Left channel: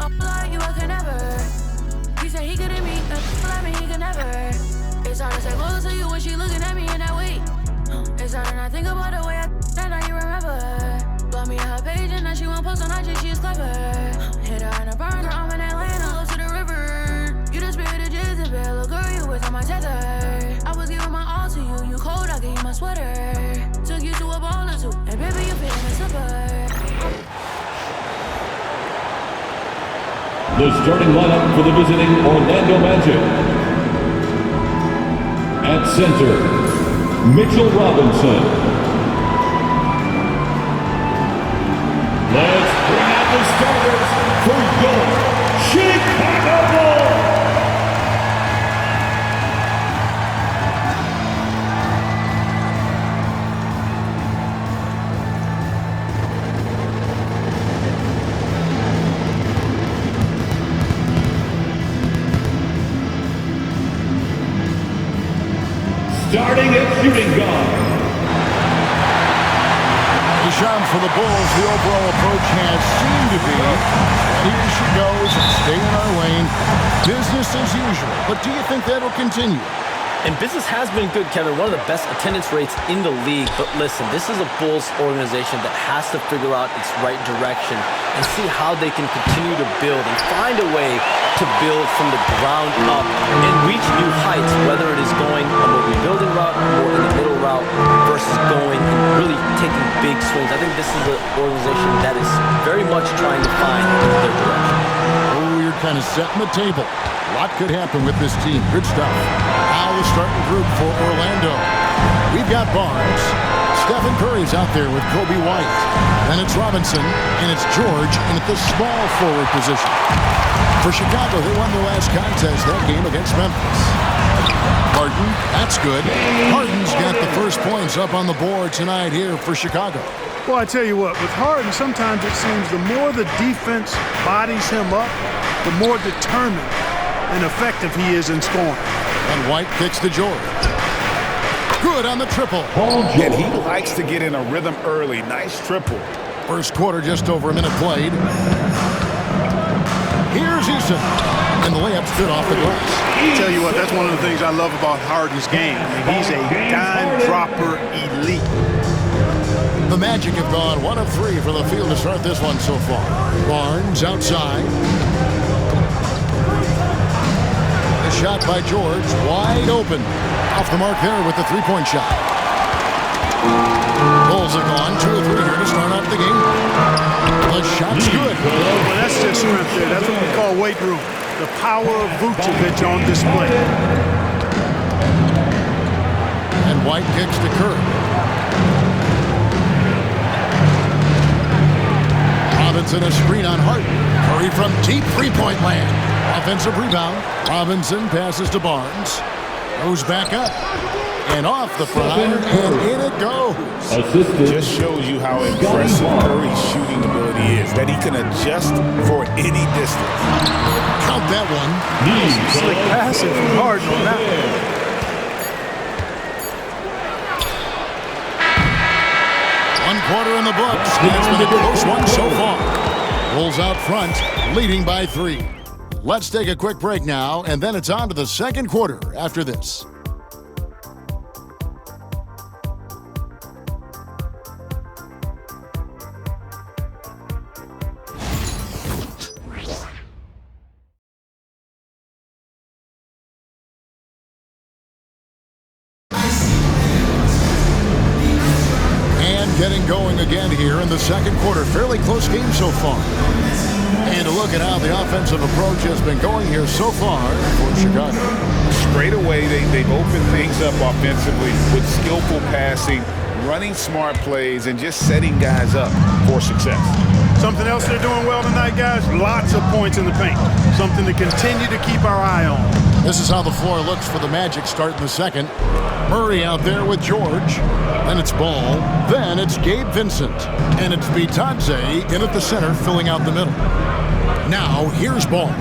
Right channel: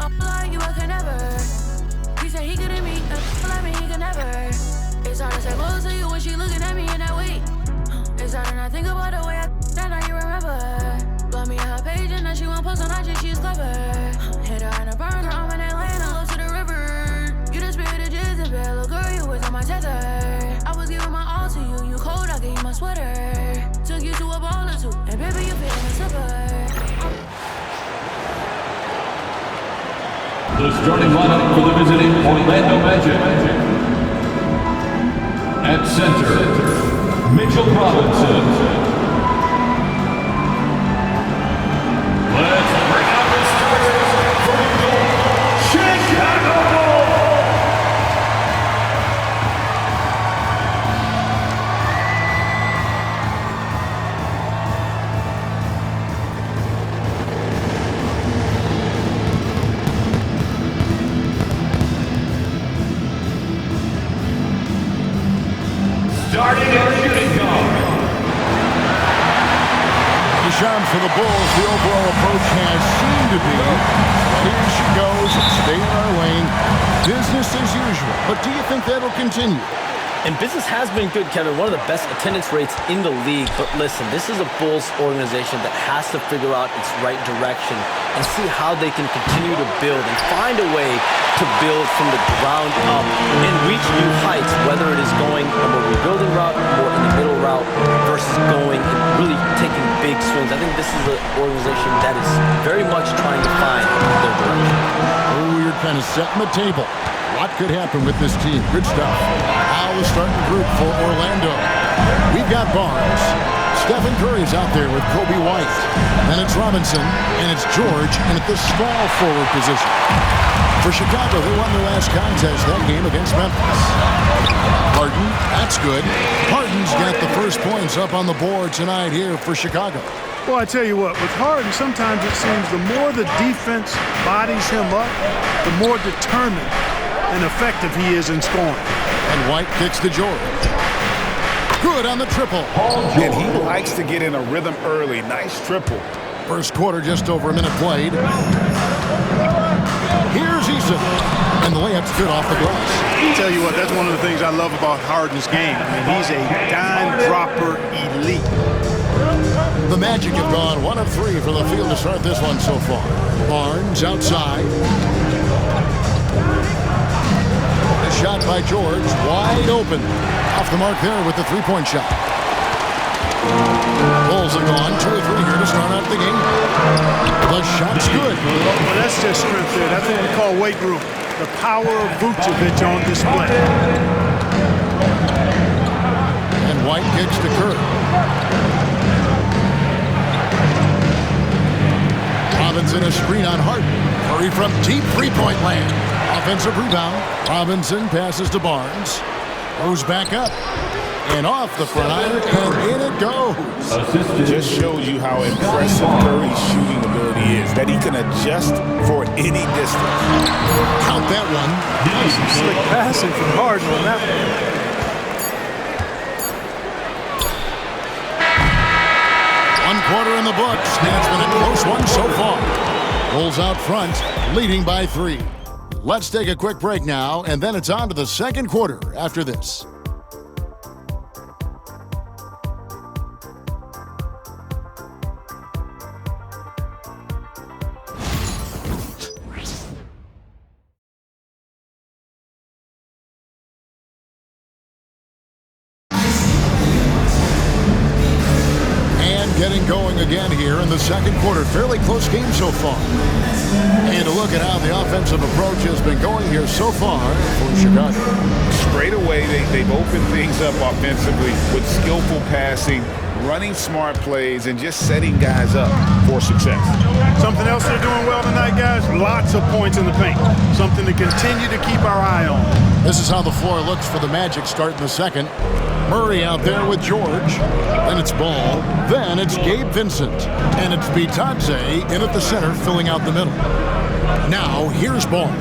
don't like you, I can never. He said he couldn't meet, like me, he can never. It's hard to say close to you when she looking at me in that way. It's hard to not think about the way I that now you remember. Blow me on her page and now she won't post on IG, she's clever. Hit her in a burner, I'm in Atlanta, close to the river. You the spirit of Jezebel, little girl, you was on my tether. I was giving my all to you, you cold, I gave you my sweater. Took you to a ball or two, and baby, you fit in a slipper. The starting lineup for the visiting Orlando Magic. At center, Mitchell Robinson. Let's bring out the starters for your Chicago Bulls. Starting at shooting guard. Deshaun, for the Bulls, the overall approach has seemed to be steady as she goes and stay in our lane. Business as usual. But do you think that'll continue? And business has been good, Kevin. One of the best attendance rates in the league. But listen, this is a Bulls organization that has to figure out its right direction and see how they can continue to build and find a way to build from the ground up and reach new heights, whether it is going a more rebuilding route, more in the middle route, versus going and really taking big swings. I think this is an organization that is very much trying to find their direction. Oh, you're kind of setting the table. A lot could happen with this team. Good stuff. Now the starting group for Orlando. We've got Barnes. Stephen Curry's out there with Kobe White. Then it's Robinson, and it's George in at the small forward position. For Chicago, they won their last contest that game against Memphis. Harden, that's good. Harden's got the first points up on the board tonight here for Chicago. Well, I tell you what, with Harden, sometimes it seems the more the defense bodies him up, the more determined and effective he is in scoring. And White kicks to George. Good on the triple. And he likes to get in a rhythm early. Nice triple. First quarter, just over a minute played. Here's Eason. And the layup's good off the glass. Tell you what, that's one of the things I love about Harden's game. I mean, he's a dime dropper elite. The Magic have gone 1 of 3 for the field to start this one so far. Barnes outside. The shot by George, wide open. Off the mark there with the three-point shot. Bulls have gone 2 of 3 here to start out the game. The shot's good. Well, that's just strength there. That's what we call weight room. The power of Vucevic on display. And White kicks to Curry. Robinson a screen on Harden. Curry from deep three-point land. Offensive rebound. Robinson passes to Barnes. Goes back up. And off the front iron, and in it goes. Assisted. Just shows you how impressive Curry's shooting ability is, that he can adjust for any distance. Count that one. Slick passing from Harden on that one. 1 quarter in the books, and it's been a close one so far. Bulls out front, leading by 3. Let's take a quick break now, and then it's on to the second quarter after this. Getting going again here in the second quarter. Fairly close game so far. And to look at how the offensive approach has been going here so far for Chicago. Straight away, they've opened things up offensively with skillful passing, running smart plays, and just setting guys up for success. Something else they're doing well tonight, guys, lots of points in the paint. Something to continue to keep our eye on. This is how the floor looks for the Magic starting the second. Murray out there with George. Then it's Ball. Then it's Gabe Vincent. And it's Bitadze in at the center, filling out the middle. Now, here's Ball.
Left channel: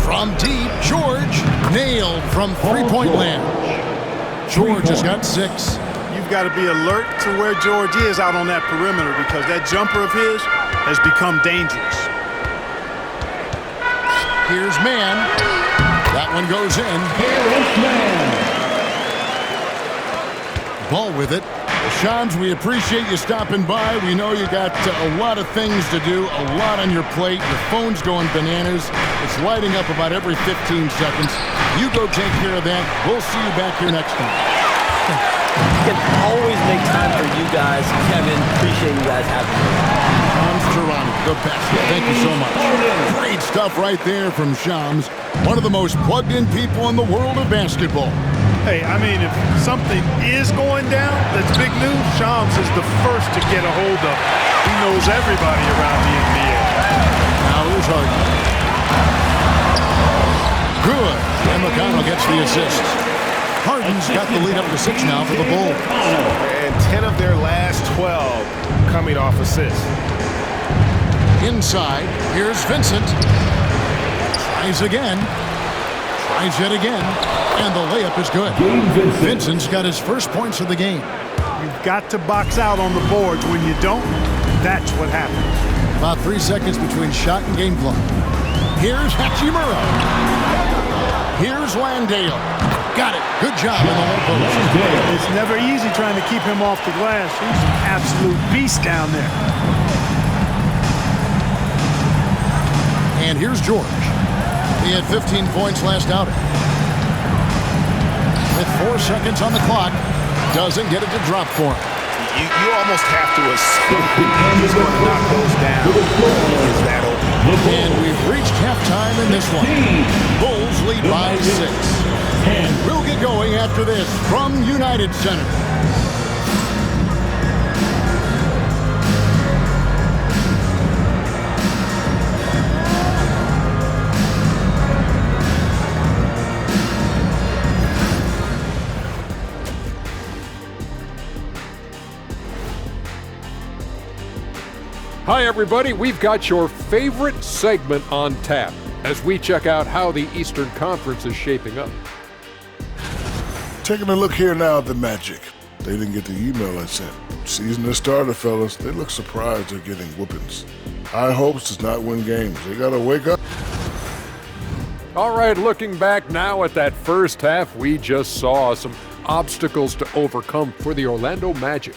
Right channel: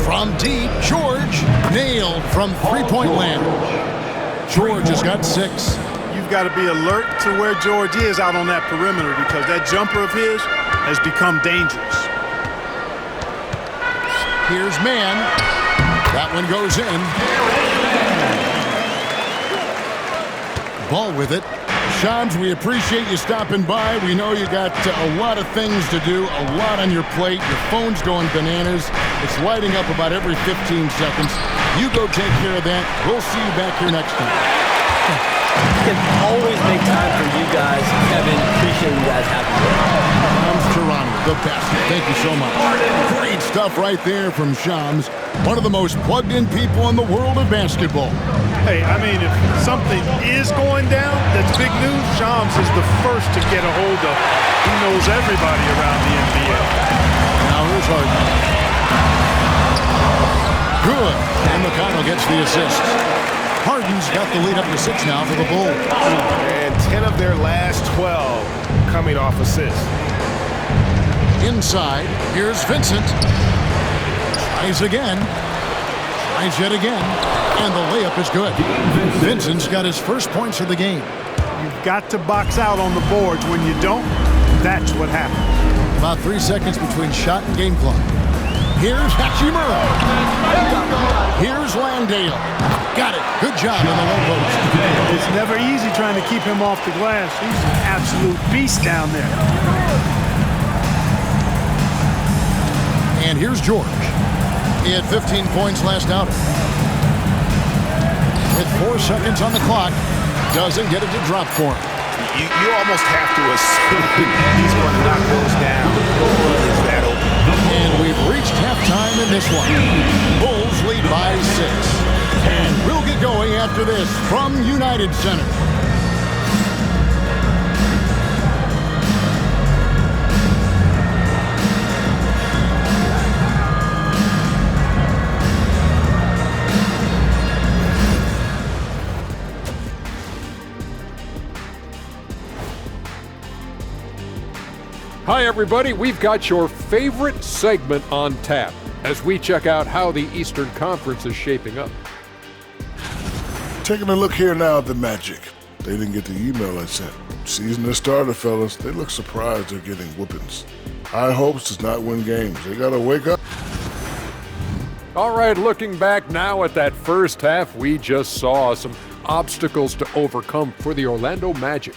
From deep, George nailed from three-point land. George has got 6. You've got to be alert to where George is out on that perimeter because that jumper of his has become dangerous. Here's Mann. That one goes in. Ball with it. Shams, we appreciate you stopping by. We know you got a lot of things to do, a lot on your plate. Your phone's going bananas. It's lighting up about every 15 seconds. You go take care of that. We'll see you back here next time. You can always make time for you guys. Kevin, appreciate you guys having me. Shams Charania, the best. Thank you so much. Great stuff right there from Shams, one of the most plugged-in people in the world of basketball. Hey, I mean, if something is going down that's big news, Shams is the first to get a hold of it. He knows everybody around the NBA. Now here's Harden. Good. And McConnell gets the assist. Harden's got the lead up to 6 now for the Bulls. And 10 of their last 12 coming off assists. Inside, here's Vincent. Tries again. Tries yet again. And the layup is good. Vincent's got his first points of the game. You've got to box out on the boards. When you don't, that's what happens. About 3 seconds between shot and game clock. Here's Hachimura. Here's Landale. Got it. Good job in the low post. It's never easy trying to keep him off the glass. He's an absolute beast down there. And here's George. He had 15 points last outing. With 4 seconds on the clock, doesn't get it to drop for him. You almost have to assume he's going to knock those down. He is that open. And we've reached halftime in this one. Bulls lead by 6. And we'll get going after this from United Center. Hi, everybody. We've got your favorite segment on tap as we check out how the Eastern Conference is shaping up. Taking a look here now at the Magic. They didn't get the email I sent. Season has started, fellas. They look surprised they're getting whoopings. High hopes does not win games. They got to wake up. All right, looking back now at that first half, we just saw some obstacles to overcome for the Orlando Magic.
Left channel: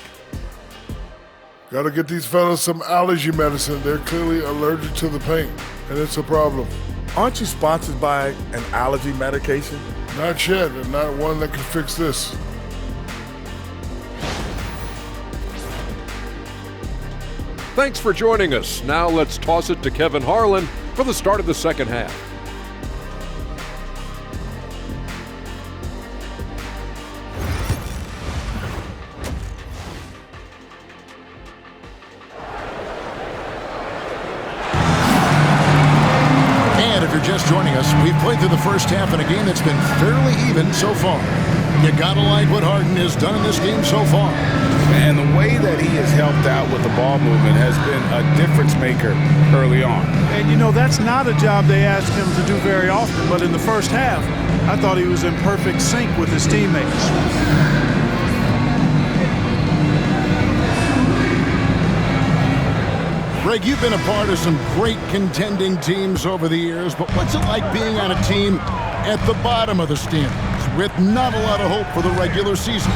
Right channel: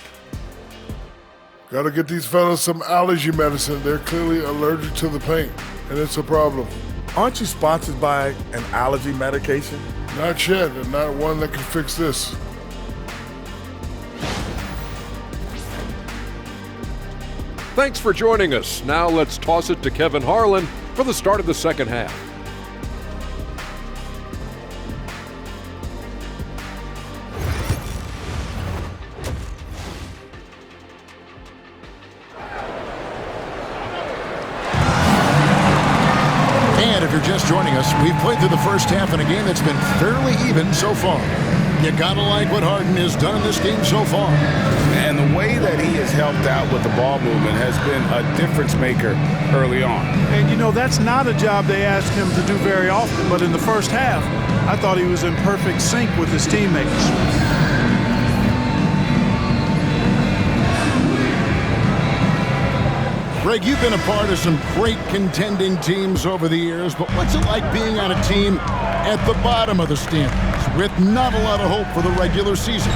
Got to get these fellas some allergy medicine. They're clearly allergic to the paint, and it's a problem. Aren't you sponsored by an allergy medication? Not yet, and not one that can fix this. Thanks for joining us. Now let's toss it to Kevin Harlan for the start of the second half. And if you're just joining us, we've played through the first half in a game that's been fairly even so far. You gotta like what Harden has done in this game so far. And the way that he has helped out with the ball movement has been a difference maker early on. And, you know, that's not a job they asked him to do very often, but in the first half, I thought he was in perfect sync with his teammates. Greg, you've been a part of some great contending teams over the years, but what's it like being on a team at the bottom of the standings with not a lot of hope for the regular season?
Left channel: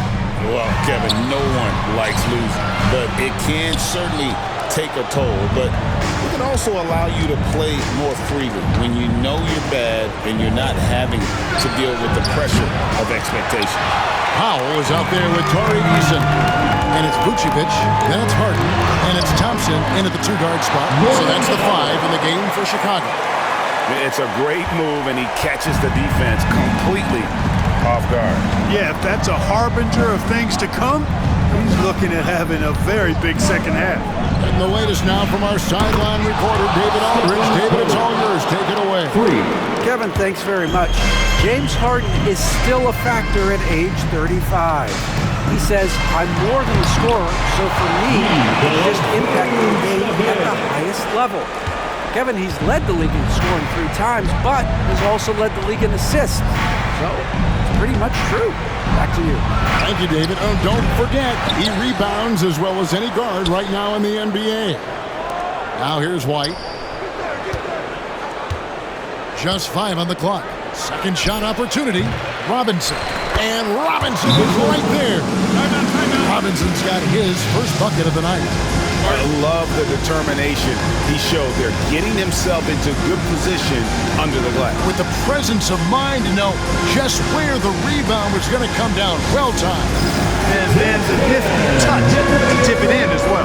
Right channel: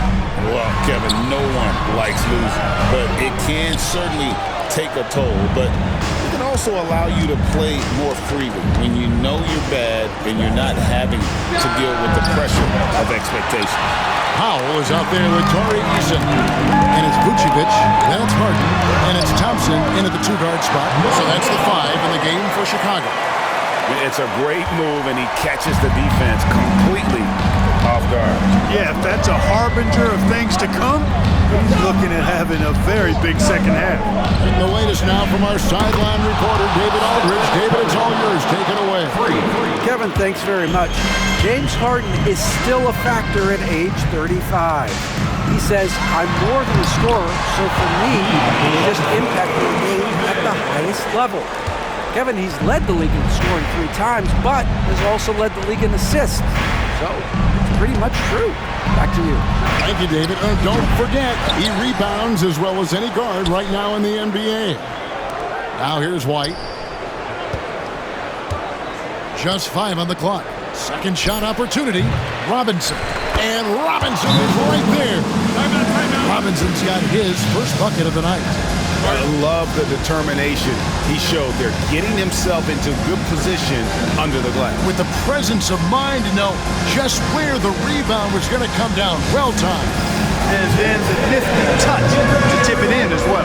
Well, Kevin, no one likes losing, but it can certainly take a toll. But it can also allow you to play more freely when you know you're bad and you're not having to deal with the pressure of expectation. Powell is out there with Torrey Eason. And it's Vucevic, then it's Harden, and it's Thompson in at the 2-guard spot. So that's the 5 in the game for Chicago. It's a great move, and he catches the defense completely off guard. Yeah, if that's a harbinger of things to come, he's looking at having a very big second half. And the latest now from our sideline reporter, David Aldridge. David, it's all yours. Take it away. Kevin, thanks very much. James Harden is still a factor at age 35. He says, I'm more than a scorer, so for me, he's just impacting the game at the highest level. Kevin, he's led the league in scoring 3 times, but has also led the league in assists. So, it's pretty much true. Back to you. Thank you, David. Don't forget, he rebounds as well as any guard right now in the NBA. Now here's White. Just 5 on the clock. Second shot opportunity. Robinson. And Robinson is right there. Timeout. Robinson's got his first bucket of the night. I love the determination he showed there, getting himself into good position under the glass. With the presence of mind to know just where the rebound was going to come down. Well timed. And then the nifty touch to tip it in as well.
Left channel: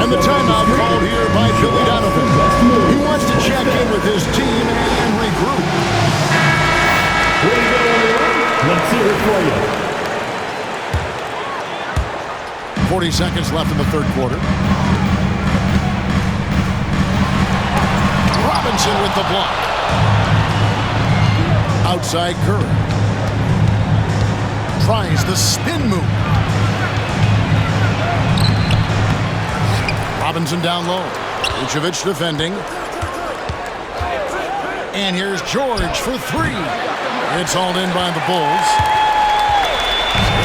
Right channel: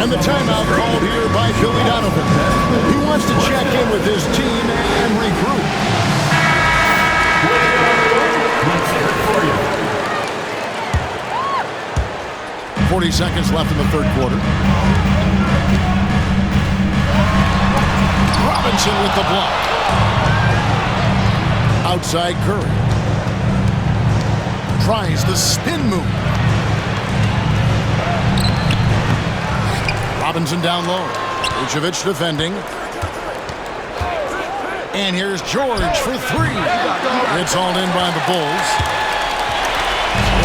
And the timeout called here by Billy Donovan. He wants to check in with his team and regroup. Let's hear it for you. 40 seconds left in the third quarter. Robinson with the block. Outside Curry. Tries the spin move. Robinson down low. Vucevic defending. And here's George for 3. It's hauled in by the Bulls.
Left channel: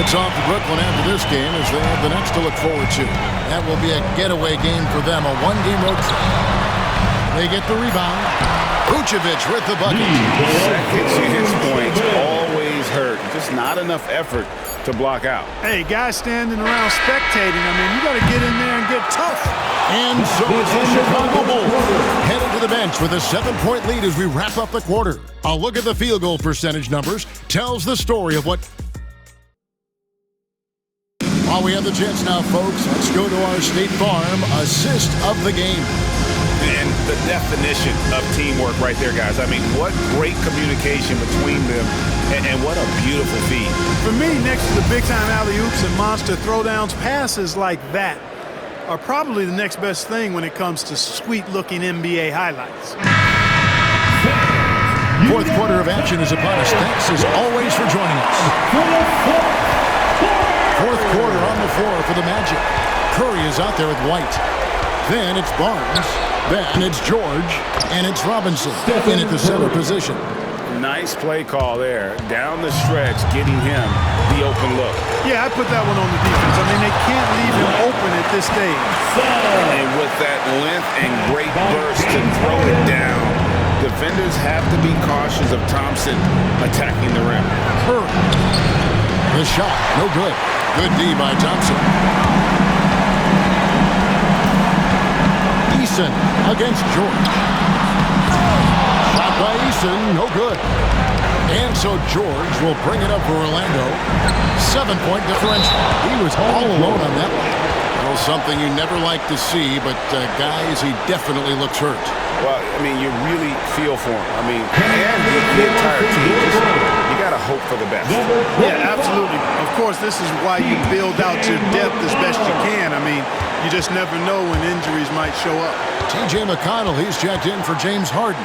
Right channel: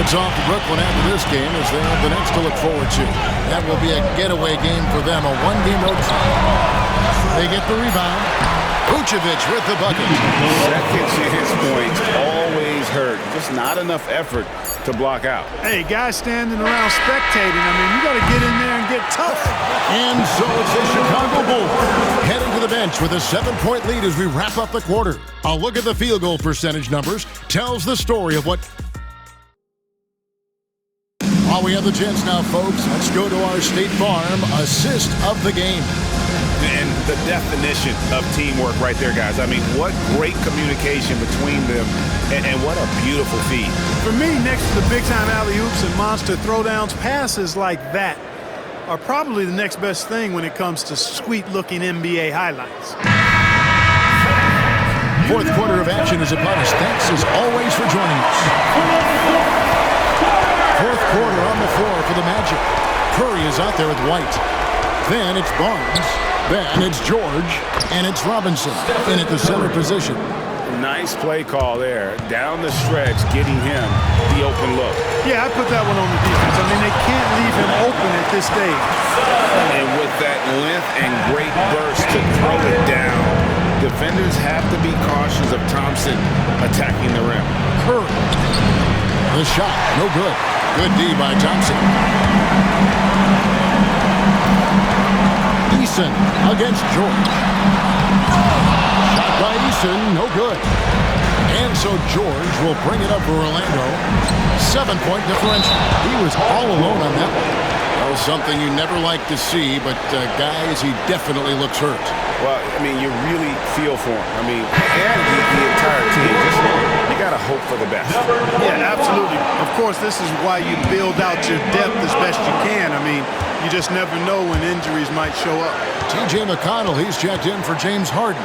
It's off to Brooklyn after this game as they have the next to look forward to. That will be a getaway game for them, a one-game road trip. They get the rebound. Vucevic with the bucket. Second chance points always hurt. Just not enough effort to block out. Hey, guys standing around spectating. I mean, you got to get in there and get tough. And so it's the Chicago Bulls heading to the bench with a 7-point lead as we wrap up the quarter. A look at the field goal percentage numbers tells the story of what... While we have the chance now, folks, let's go to our State Farm assist of the game. And the definition of teamwork right there, guys. I mean, what great communication between them, and what a beautiful feed. For me, next to the big-time alley-oops and monster throwdowns, passes like that are probably the next best thing when it comes to sweet-looking NBA highlights. Fourth quarter of action is upon us. Thanks, as always, for joining us. Fourth quarter on the floor for the Magic. Curry is out there with White. Then it's Barnes. Then it's George. And it's Robinson in at the center position. Nice play call there. Down the stretch, getting him the open look. Yeah, I put that one on the defense. I mean, they can't leave him open at this stage. And with that length and great burst to throw it down, defenders have to be cautious of Thompson attacking the rim. Curry. The shot, no good. Good D by Thompson. Eason against George. Shot by Eason, no good. And so George will bring it up for Orlando. 7-point differential. He was all alone on that one. Well, something you never like to see, but guys, he definitely looks hurt. Well, I mean, you really feel for him. I mean, and the entire team. Just, you got to hope for the best. Yeah, absolutely. Of course, this is why you build out your depth as best you can. I mean, you just never know when injuries might show up. T.J. McConnell, he's checked in for James Harden.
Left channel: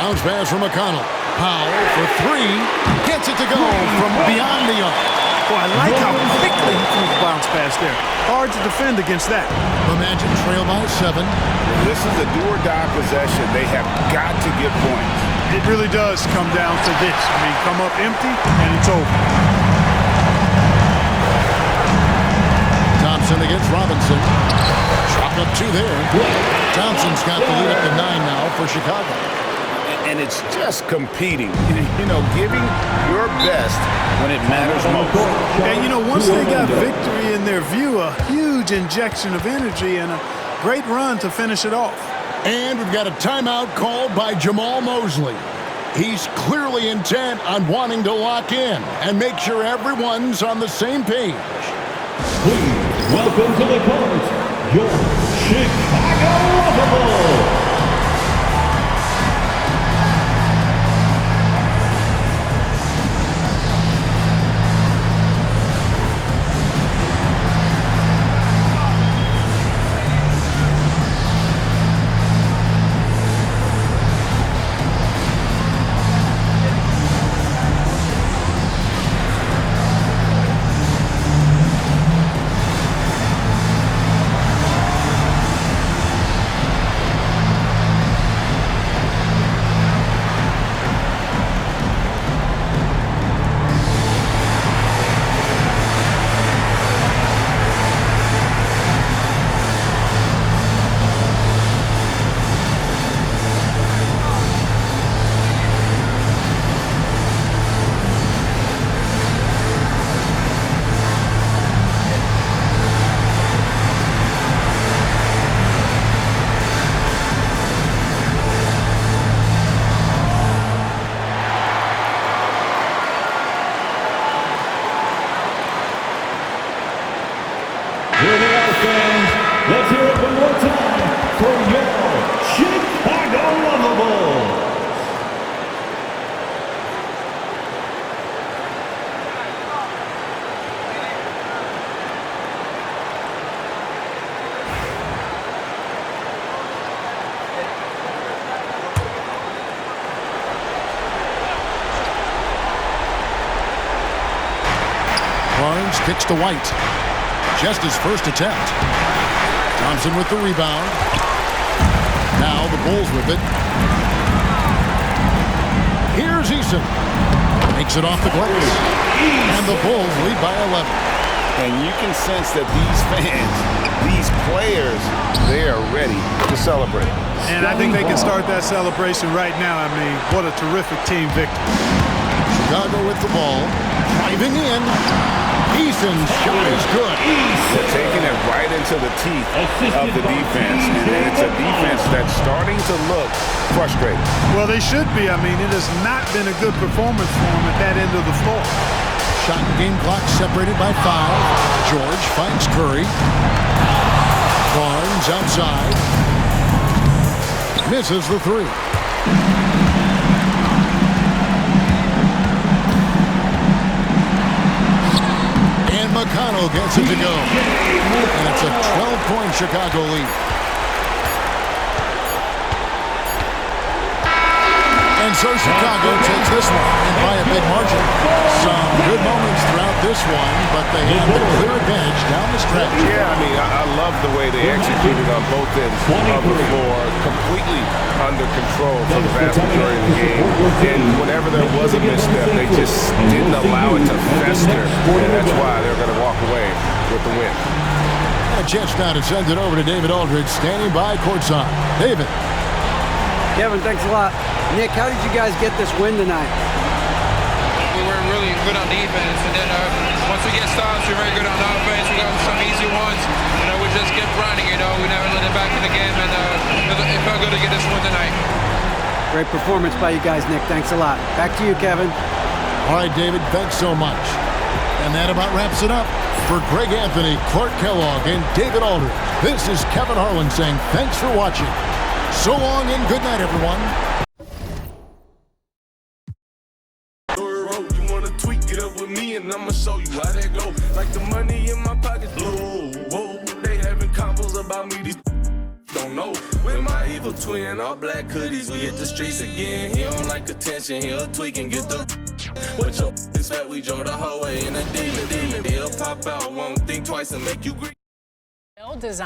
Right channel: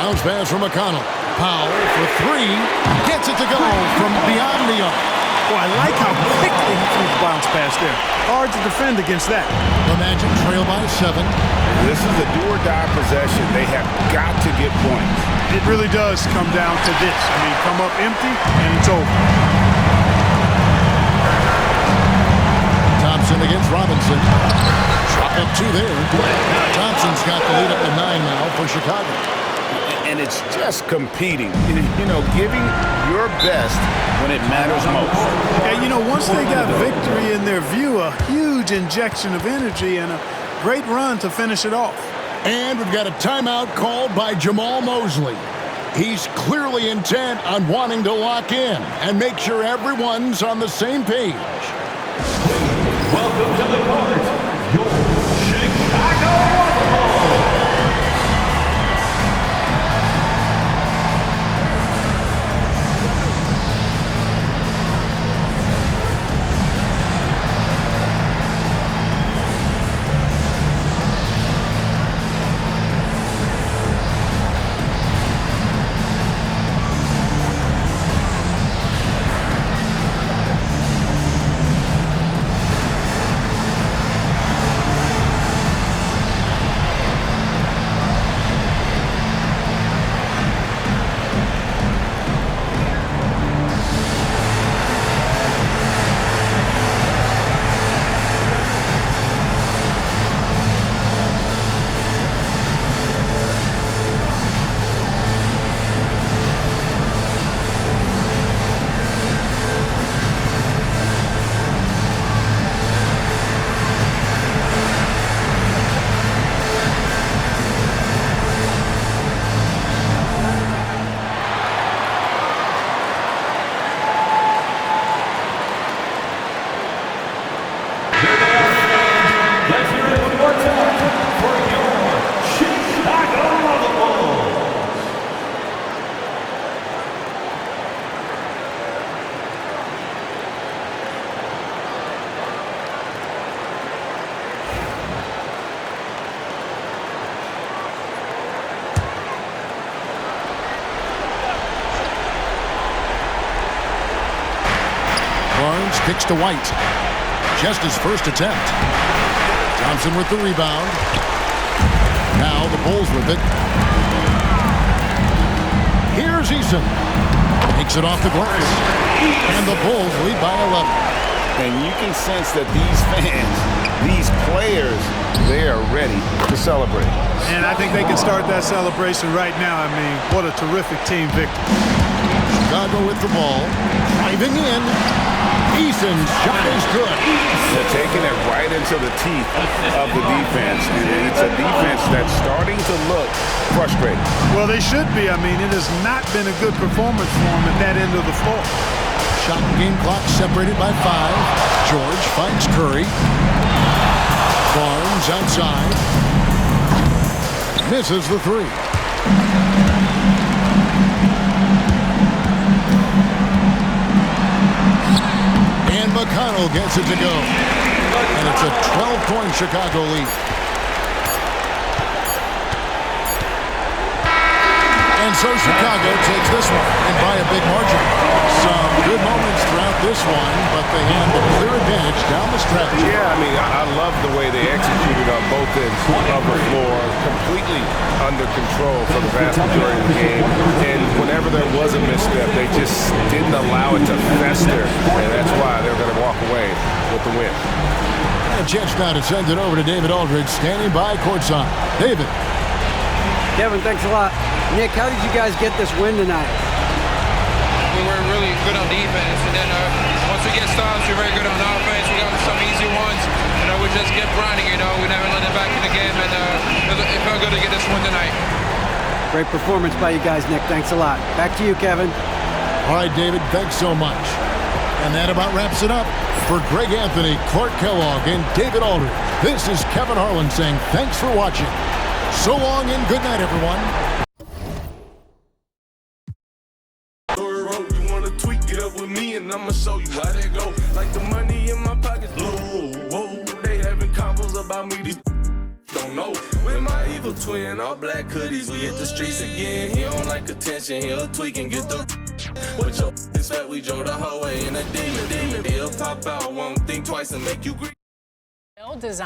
Bounce pass from McConnell. Powell for 3. Gets it to go from beyond the arc. Boy, I like how quickly he threw the bounce pass there. Hard to defend against that. The Magic trail by 7. This is a do-or-die possession. They have got to get points. It really does come down to this. I mean, come up empty, and it's over. Thompson against Robinson. Chalk up 2 there. Thompson's got the lead up to 9 now for Chicago. And it's just competing, you know, giving your best when it matters most. Yeah, you know, once they got victory in their view, a huge injection of energy and a great run to finish it off. And we've got a timeout called by Jamal Mosley. He's clearly intent on wanting to lock in and make sure everyone's on the same page. Please welcome to the court, your Chicago Bulls. Barnes kicks to White. Just his first attempt. Thompson with the rebound. Now the Bulls with it. Here's Eason. Makes it off the glass. And the Bulls lead by 11. And you can sense that these fans, these players, they are ready to celebrate. And I think they can start that celebration right now. I mean, what a terrific team victory. Chicago with the ball. Driving in. Eason's shot is good. They're taking it right into the teeth of the defense. And it's a defense that's starting to look frustrated. Well, they should be. I mean, it has not been a good performance for them at that end of the floor. Shot and game clock separated by 5. George finds Curry. Barnes outside. Misses the 3. And McConnell gets it to go. And it's a 12-point Chicago lead. And so Chicago takes this one, and by a big margin. Some good moments throughout this one, but they have the clear advantage down the stretch. Yeah, I mean, I love the way they executed on both ends of the floor, completely under control for the vast majority of the game. And whenever there was a misstep, they just didn't allow it to fester, and that's why they're going to walk away with the win. And a chance now to send it over to David Aldridge, standing by courtside. David. Kevin, thanks a lot. Nick, how did you guys get this win tonight? We were really good on defense, and then once we get stops, we're very good on offense. We got some easy ones. We just kept grinding. We never let it back in the game, and it felt good to get this win tonight. Great performance by you guys, Nick. Thanks a lot. Back to you, Kevin. All right, David, thanks so much. And that about wraps it up. For Greg Anthony, Clark Kellogg, and David Aldridge, this is Kevin Harlan saying thanks for watching. So long and good night, everyone. You wanna tweak it up with me and I'ma show you how that go. Like the money in my pockets blue. Whoa, they having combos about me. These don't know. With my evil twin, all black hoodies, we hit the streets again. He don't like attention, he'll tweak and get the. What your expect? We drove the whole way in a demon. He'll pop out, won't think twice and make you green. Design.